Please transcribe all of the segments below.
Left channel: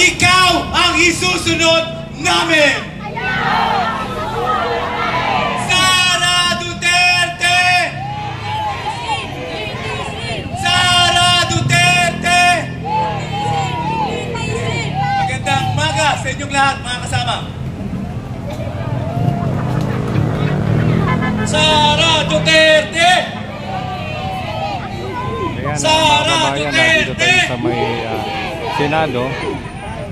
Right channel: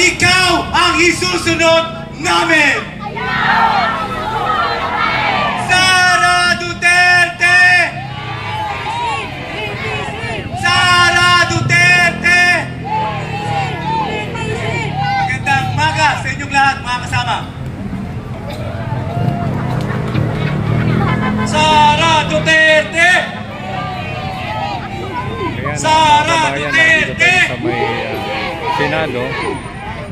ikaw ang isusunod namin. Sara Duterte! Sara Duterte! Magandang umaga sa inyong lahat, mga kasama. Sara Duterte! Ayan, mga kabayan, nandito tayo sa may Senado.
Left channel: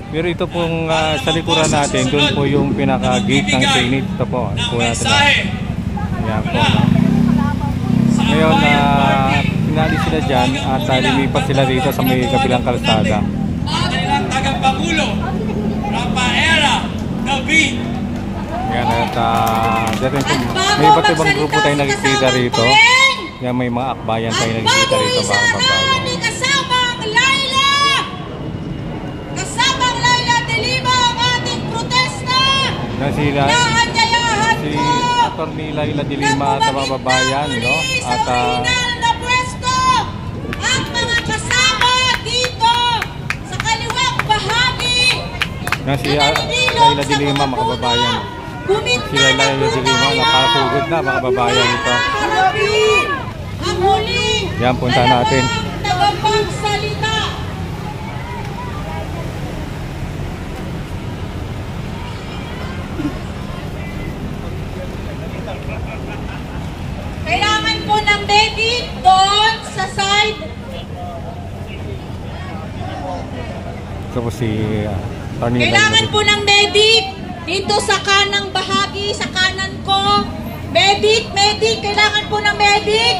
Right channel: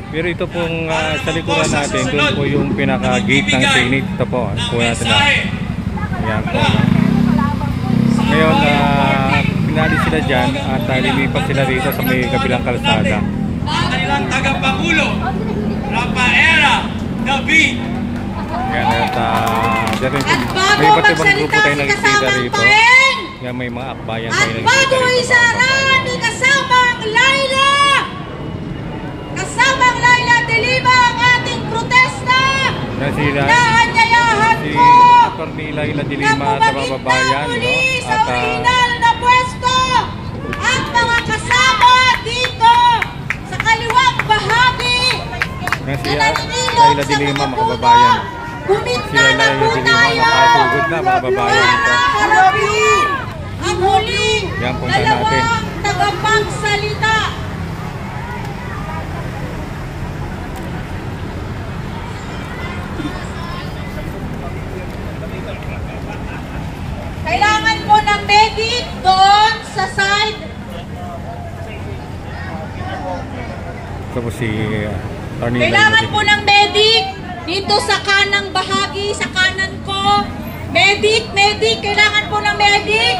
Pero ito pong sa likuran natin, doon po yung pinaka-gate ng Senate. Ito po, po natin na. Ayan po, no? Ngayon, pinali sila dyan at lilipat sila dito sa may kabilang kalsada. Kailang tagapangulo, Rafaela David. Ayan, at may iba't ibang grupo tayo nagkikita rito. Ayan, may mga akbayan tayo nagkikita rito, mga kabayan. Kasamang Laila! Kasamang Laila Delima ang ating protesta! Naanyayahan ko! Si Atty. Laila Delima sa mga babayan, no? At na pwesto at mga kasama dito sa kaliwang bahagi na si Laila Delima, mga kababayan. Si Laila Delima nakasugod na, mga kababayan ito. Ang huling yan, punta natin. Tagapagsalita. Kailangan po ng medic doon sa side. Ito po si Kailangan po ng medic dito sa kanang bahagi, sa kanan ko. Medic, kailangan po ng medic.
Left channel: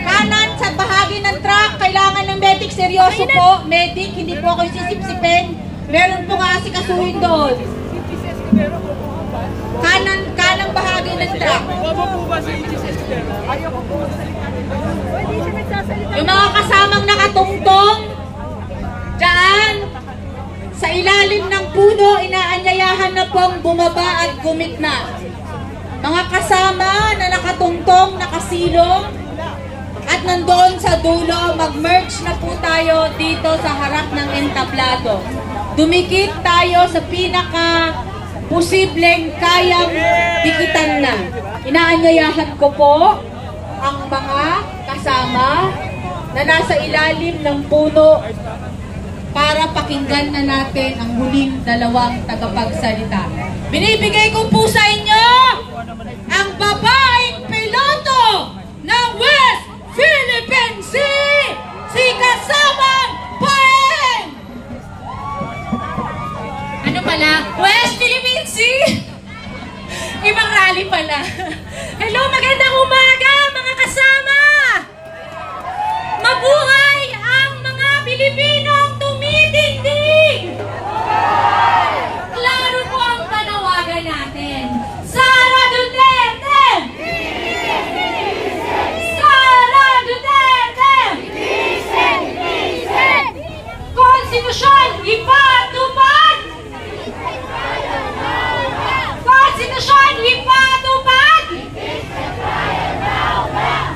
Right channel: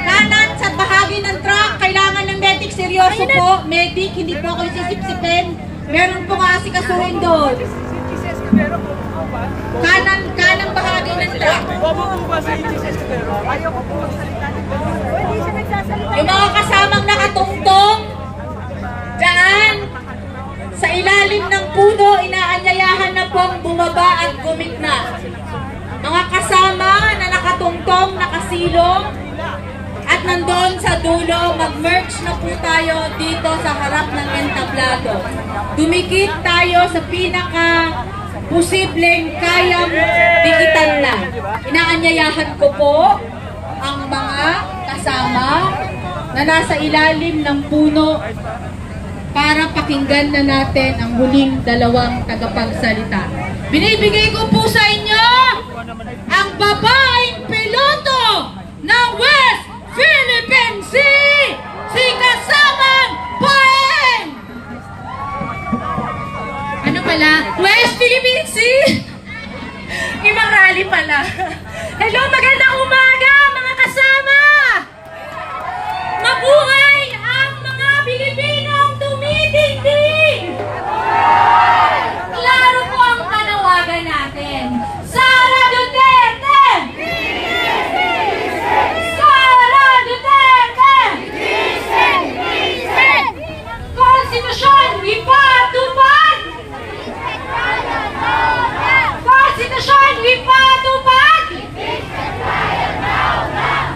Kanan sa bahagi ng truck, kailangan ng medic. Seryoso po, medic, hindi po ako sisipsipin. Meron po nga si kasuhin doon. Kanang bahagi ng truck. Yung mga kasamang nakatungtong dyan sa ilalim ng puno, inaanyayahan na pong bumaba at gumigna. Mga kasama na nakatungtong, nakasilong, at nandoon sa dulo, mag-merge na po tayo dito sa harap ng entablado. Dumikit tayo sa pinaka-posibleng kayang dikitan na. Inaanyayahan ko po ang mga kasama na nasa ilalim ng puno para pakinggan na natin ang huling dalawang tagapagsalita. Binibigay ko po sa inyo ang babaeng piloto ng West Philippine Sea, si Kasamang Poeng! Ano pala? West Philippine Sea? Ibang rally pala. Hello, magandang umaga mga kasama! Mabuhay ang mga Pilipinong tumitindig! Klaro po ang panawagan natin. Sara Duterte! Sara Duterte! Konstitusyon, ipatupad! Konstitusyon, ipatupad!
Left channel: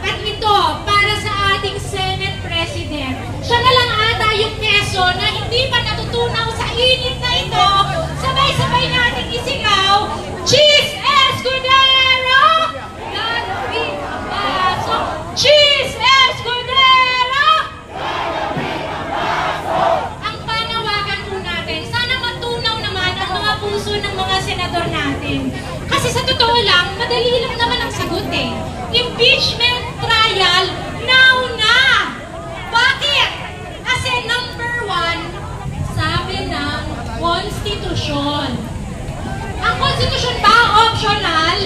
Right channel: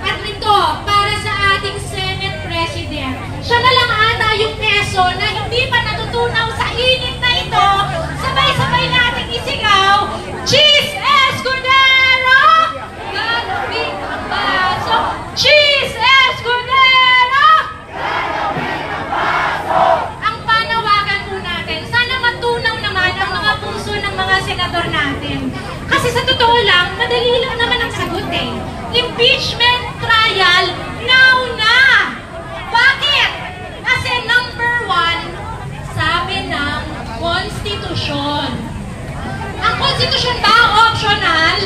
At ito, para sa ating Senate President, siya na lang ata yung keso na hindi pa natutunaw sa init na ito, sabay-sabay natin isigaw, Cheese Escudero! Galawin ang baso! Cheese Escudero! Galawin ang baso! Ang panawagan po natin, sana matunaw naman ang mga puso ng mga senador natin. Kasi sa totoo lang, madali lang naman ang sagot eh. Impeachment trial, now na! Bakit? Kasi number 1, sabi ng konstitusyon. Ang konstitusyon ba optional?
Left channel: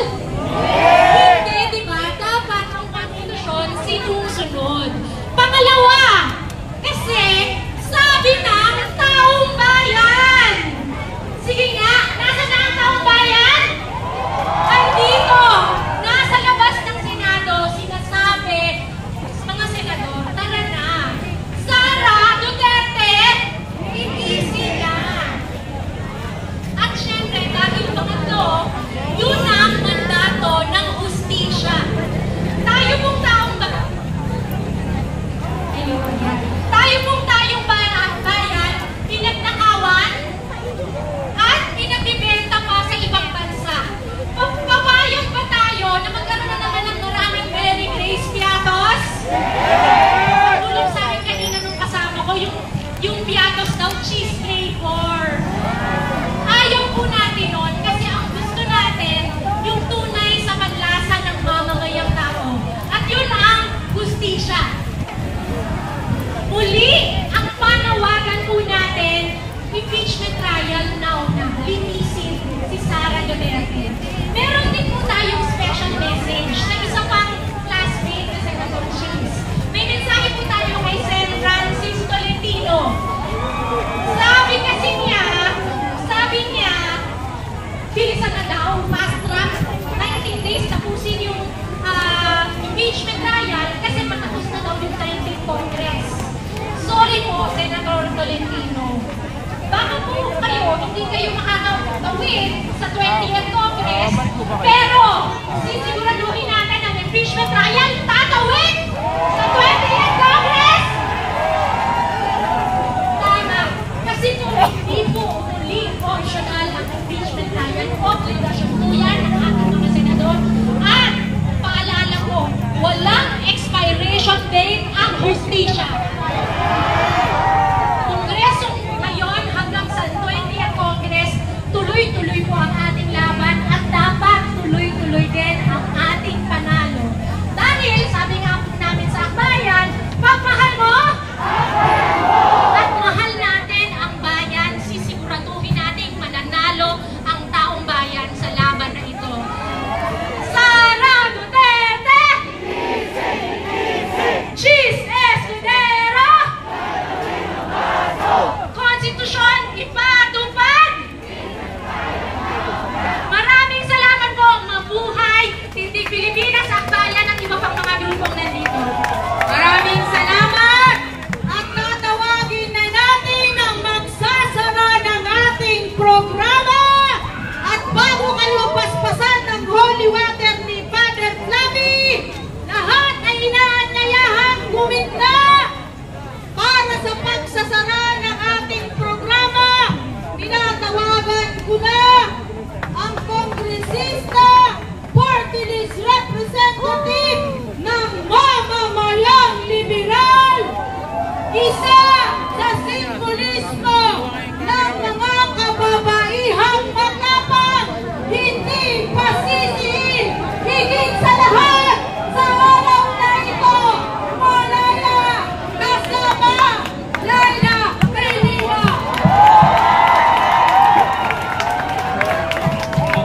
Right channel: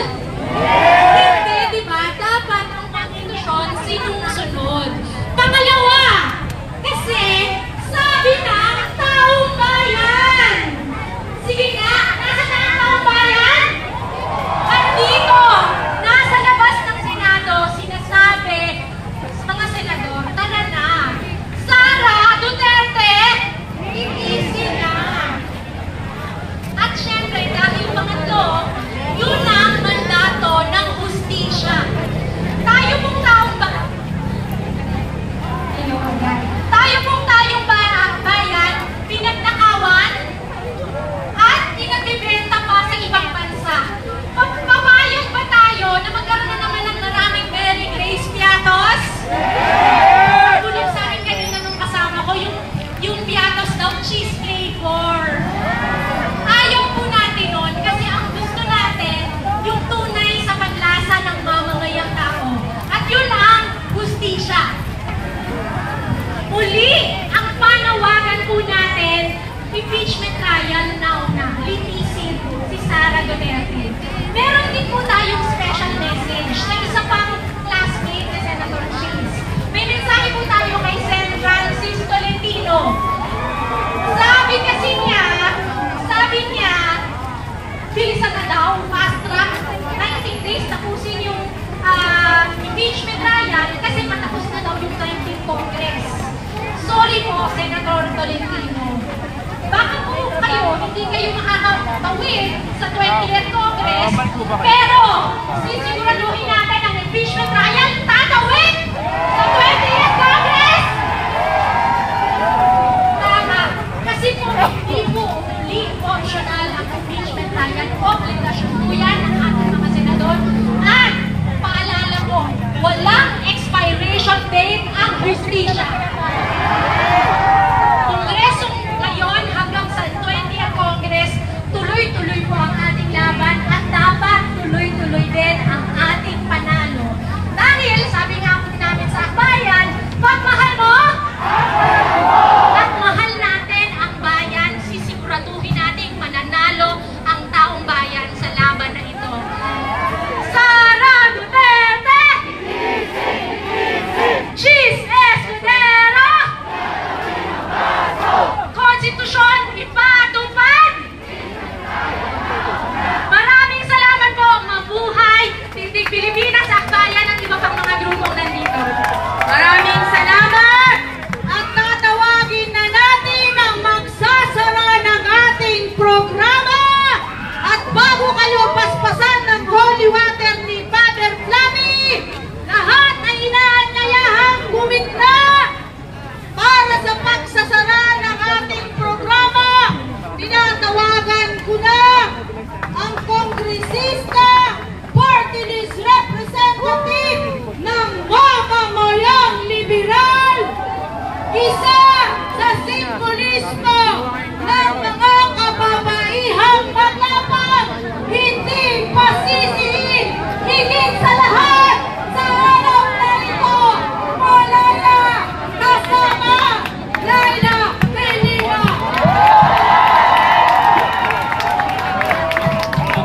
Hindi, di ba? Dapat ang konstitusyon sinusunod. Pangalawa, kasi sabi ng taong bayan. Sige nga, nasa na ang taong bayan? Andito, nasa labas ng Senado, sinasabi sa mga senador, tara na. Sara Duterte, iisi na. At syempre, dahil pangatlo, yun ang mandato ng cheese flavor. Ayaw po natin nun kasi ang gusto natin yung tunay sa panlasa ng mamamayang tao. At yun ang hustisya. Muli, ang panawagan po natin, impeachment trial now na linisin si Sara Duterte. Meron din po tayong special message sa isa pang classmate ni Senator Cheese. May mensahe po tayo kay Sen. Francis Tolentino. Sabi niya, bilisan na daw, fast track, 19 days tapusin yung impeachment trial kasi matapos na daw yung 19th Congress. Sorry po, Senator Tolentino. Baka po hindi kayo makakatawid sa 20th Congress, pero sisiguraduhin natin ang impeachment trial tatawid sa 20th Congress! Tama. Kasi po, hindi po muli optional ang impeachment trial. Obligasyon po yan ng ating mga senador. At paalala po, walang expiration date ang hustisya. Kongresong ngayon hanggang sa 20th Congress, tuloy-tuloy po ang ating laban at dapat tuloy-tuloy din ang ating panalo. Dahil, sabi nga po namin sa akbayan, pagmahal mo, at mahal natin ang bayan, sisiguraduhin natin mananalo ang taong bayan sa laban na ito. Sara Duterte! Cheese Escudero! Konstitusyon ipatupad! Maraming salamat po, mabuhay Tindig Pilipinas, Akbayan at iba pang mga grupong nandito. Maraming salamat! At tatawagin na natin ang magsasara ng ating programa. At bago kayo paspasan ng holy water ni Father Flavi, lahat ay inaanyayahang bumigla para sa pagsasara ng ating programa. Tinatawagan ko na ang kongresista, party list representative ng mamamayang liberal, isa sa simbolismo ng mga kababaihang matapang, hindi pasisihin, higit sa lahat sa araw na ito, Malaya kasama Laila Kailiwa.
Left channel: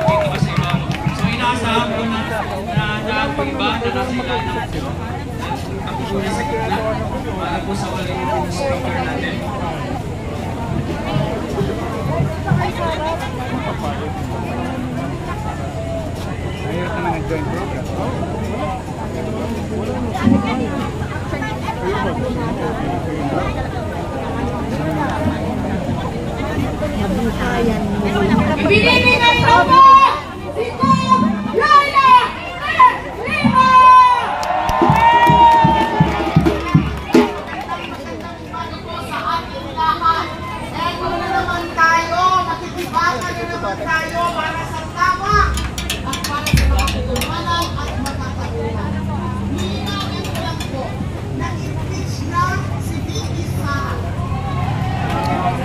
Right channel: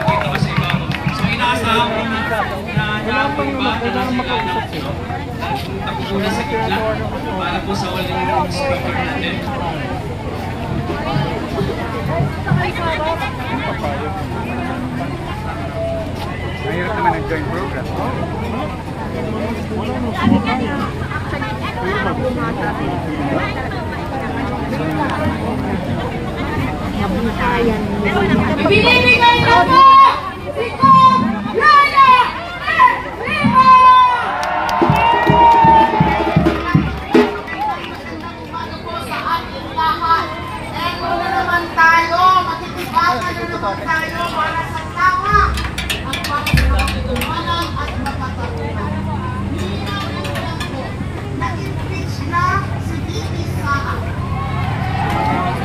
Dito kasi bago. So inaasahan ko na iba na nasa ilalim ng puno. Takbo na sa gitna para po sa uling speaker natin. Mahirap naman nag-join program. Ibinibigay na po si Kong Laila Kailiwa! Magandang po sa ating lahat. Eto na naman tayo, makikibangan na naman tayo para sa tawa. Ang para sa pagtutumanan at magkatapunan. Nilinagan lang po na impeach na si Vicky Sara.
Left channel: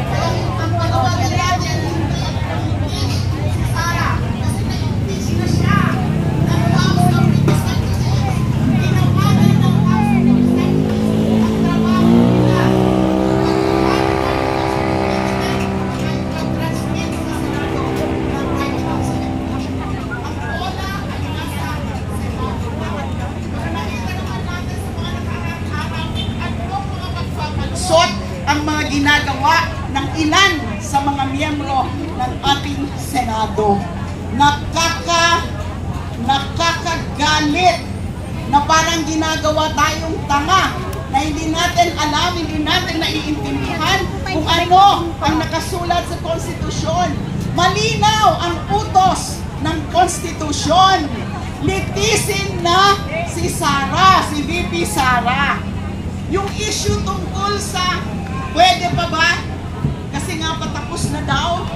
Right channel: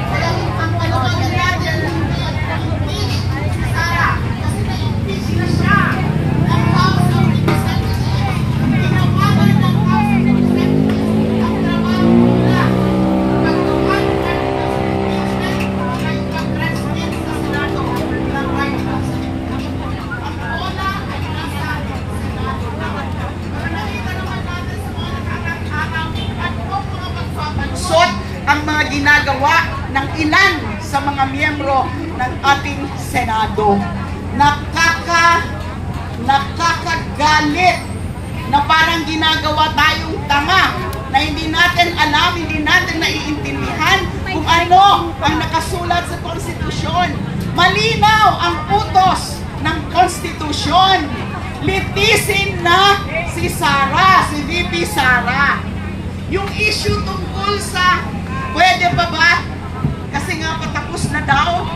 Kaya ang panawagan natin hindi impeach si Sara kasi na-impeach na siya ng House of Representatives. Tinawagan ng House of Representatives ang trabaho nila. Nagtuwan pa rin ng impeachment at nag-transmit sa Senado ng articles of impeachment. Ang bola ay nasa Senado na. Pero nakita naman natin sa mga nakarang-araw at mga pagpapansot ang mga ginagawa ng ilan sa mga miyembro ng ating Senado. Nakakagalit na parang ginagawa tayong tanga na hindi natin alam, hindi natin naiintindihan kung ano ang nakasulat sa konstitusyon. Malinaw ang utos ng konstitusyon. Litisin na si Sara, si VP Sara. Yung issue tungkol sa pwede pa ba? Kasi nga patapos na daw